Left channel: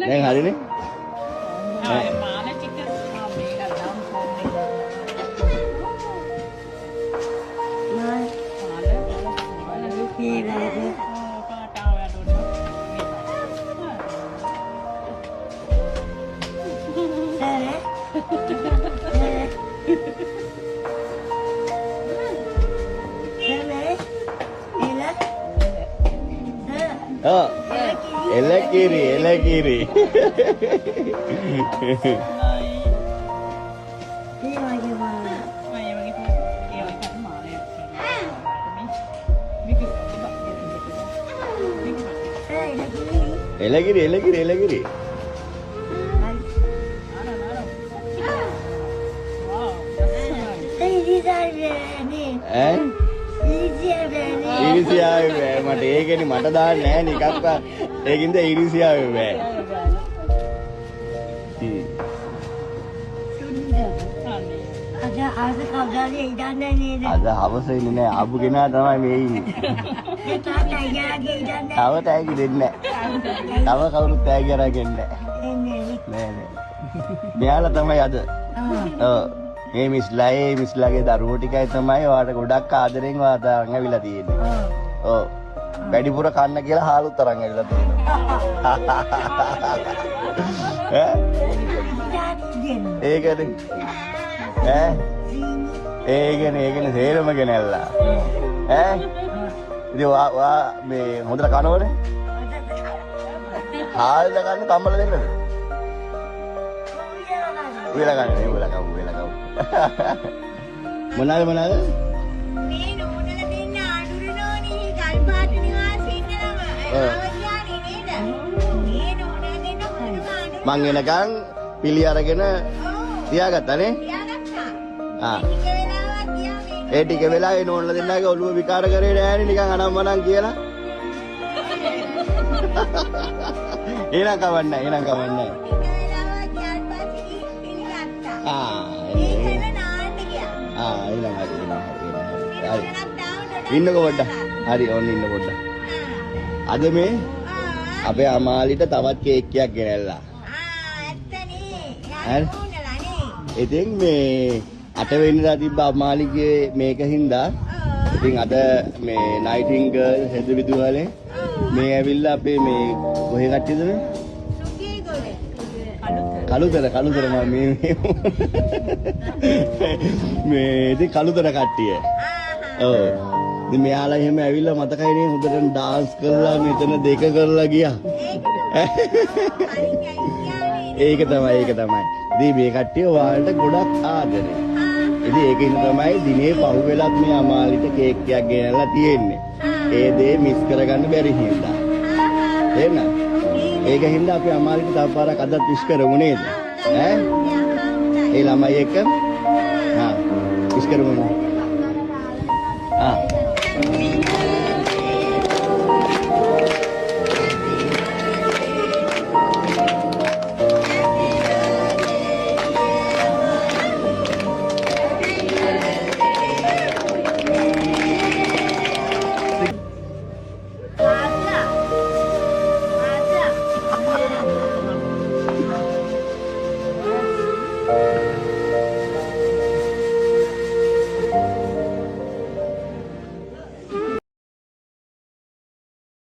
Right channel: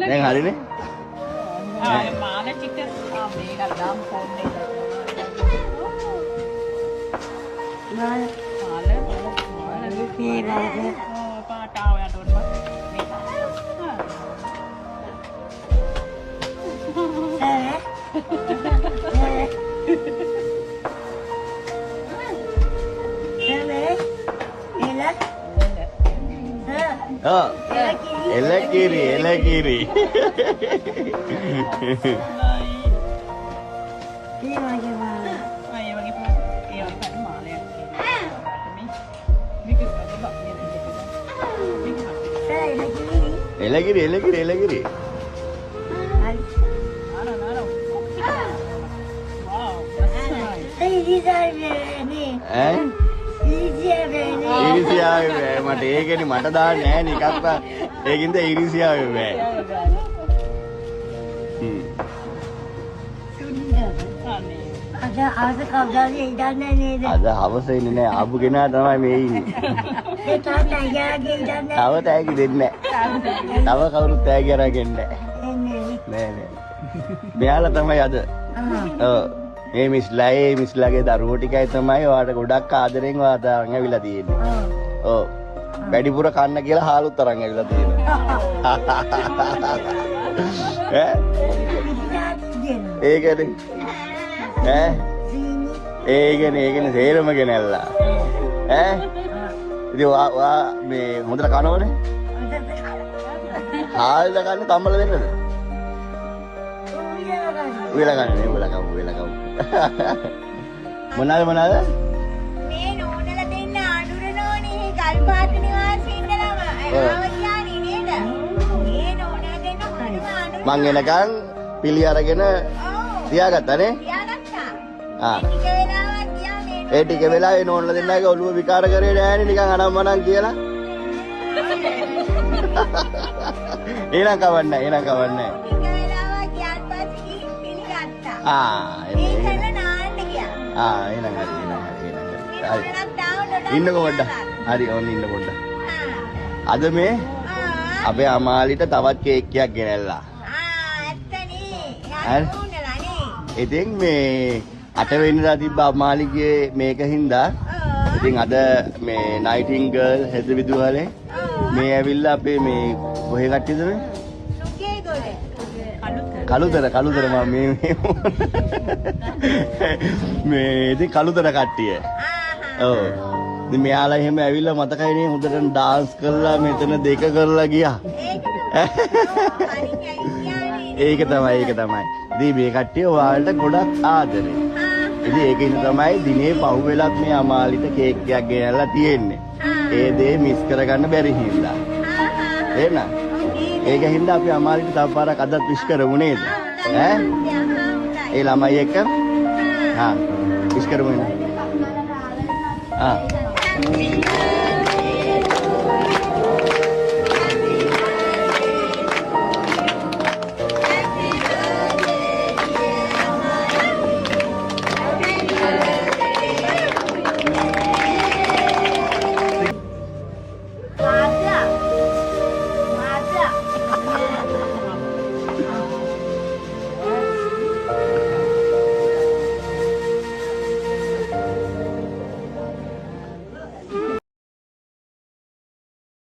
දැන් හරිනේ. මාල ටික මේක දාම් ෆෝන් එකේ මාල කීලාද පාට ආවයට උඩ එලකිරි එලකිරි එලකිරි එලකිරි එලකිරි ඉරිසියාවේ මට ඒකනේ මට දාන්න නෑ නිකක්වත් ඒකින්ද ඉරිසියාවේ බෑ. අද කවදාද ඉඳන්නේ නේද? අද හවසේ ඉන්නේ නෑ ආපු කෙනා තමයි මේ ඉන්නේ. ඒ තාත්තා ගෑගේ ඉඳන්නේ. තව තෑගි දෙන්නේ නෑ. තව කවුරුත් තෑගි අරගෙන නෑ. නෑ නෑ. මෙයාලා තමයි අද. ඔව්. මේ මිස්ලාගේ දරුවෝ ටිකයි තමයි ඔයාලට ගොඩක් ආදරෙන් ඔයාලට අරන් ඇවිල්ලා තියෙන්නේ. ඔව්. වැඩිපුර කන්න කියලා හාලුත් අරන් ඇවිල්ලා තියෙන්නේ. ඒකද? ඒකනේ තේරෙම ගෙනාවා. ඉතින් මේ හොඳ කරවනේ. ආයෙත් තමයි දෙන්නේ. මොනවාද මේ නෝනලා දෙන්න ආඳුරනෝනේ ගල්පාත නිවාසයේ ඉඳලාම ආවතියානේ නේද? මේ නෝනලා දෙන්න මොනවද ආඳුර මං එනකන් පිළි අරගෙන තියාගත්තානේ. තියාගත්තා. ආ. ටික වෙලාවක් ගියා මේ ඒ ටික වෙලාවේ නෝනලා දෙන්නගේ ඔළුව විකාර කරේ නෑනේ නිකන් අනම්මනම් කියලා. එනං කවන්නේ. ටික වෙලාවක් ගියාට පස්සේ පිළිගත්තා. ආ ඒකල නාන්න ගියා. එනං හරි. හරි. ඉන්නකො පොඩ්ඩක්. හරි ඔන්න ඉන්න පොඩ්ඩක්. අද මේ අපේ අමාලිට තවත් කේක් එකක් ගෙනල්ලා. ඇත්තනේ. ඉතින් මේ 8 වෙනිදා තිබ්බ අමාලිගේ මේකින්දා ඉතින් අද මේ නයිටින්ගර්ල් හෙද විදුහලේ මේ ඇවිල්ලා අපේ මේ කොහේ කට්ටියද මේ? කළුතර මම මේ ඉතින් කළුතර කට්ටිය. ඔව්. ඉතින් මෙයාලා එහෙම ඇවිල්ලා මතකයි නේ හොඳට ඩාන්ස් කරලා මෙතන දෙක කරලා ගියා. ඒක තමයි. ඉතින් මේ කට්ටිය ඔයාලට ගොඩක් ආදරේ. ඉතින් ඒකින් තමයි දිනේ පහුවෙලත් මේ අමාලිට කේක් එකක් ගෙනල්ලා තියෙන්නේ. ඒ දේ මිස් කරගන්න බැරි හින්දා. එහෙනම් ඒක හින්දා අපි අමාලිට තව පාරක් අදත් විශ් කරමු නේද? ඈ? ඒ ළමයි එක්ක? විශ් කරමු නේද?